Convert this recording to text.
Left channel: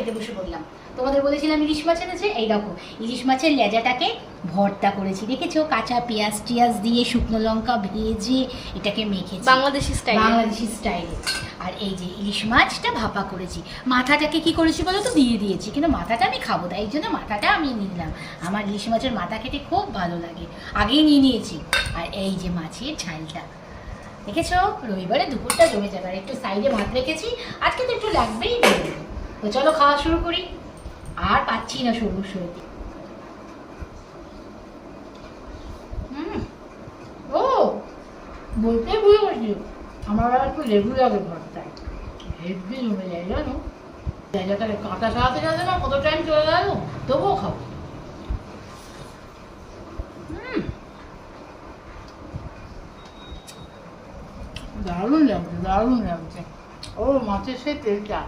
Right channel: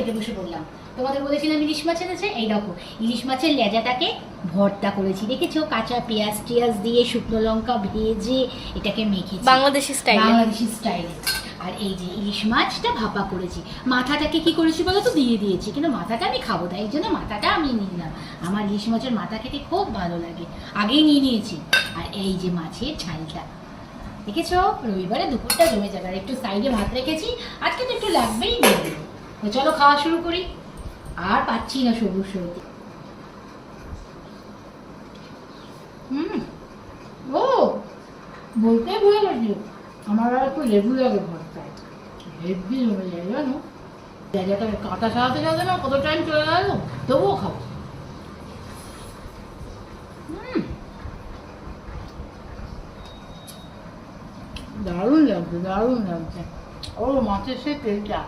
খেতে বসে পড়লাম। তোমাদের বলেছিলাম ইলিশ মাছ এনেছে, এই দেখো ইলিশ মাছের লেজাটাকে ভর্তা করেছি, দেখেছো? কাঁচা পেঁয়াজ টিয়াজ দিয়ে শুকনো লঙ্কা ভেজে এটাকে মেখেছি বাংলাদেশি স্টাইলে। বাংলাদেশি স্টাইলে। আর এই যে ইলিশ মাছটা ভাপা করেছি। মাথাটাকে কি করেছি বলো তো, দিয়ে দিয়েছি, কিন্তু মাথাটা আমি খাবো, তাই জন্য মাথাটা আমি নিলাম। আমার ইলিশ মাছের মাথা খেতে খুব ভালো লাগে, আগেই নিয়ে নিয়েছি। আর এই যে মাছের ঝালটা, দেখেছো? রবিবারে দুপুরটা জমে যাবে। আর একটু সাইডে ভাত রেখেছি, আজকে তো একটু লাগবেই। তো চলো খাওয়া শুরু করি। আর পাচ্ছি না সবুজ সবজি। ও বলতে ভুলে গেছি, আমার আর একটু লেবু লাগে ভর্তায়, হেভি জমে যায় জানো। জায়গাটাকে কাঁটা সারাতে যাবে না, কত টাইম চলে গেল, তবুও খাবো। দারুণ লাগছে, দারুণ লাগছে। ও মাছের সে তেলটা।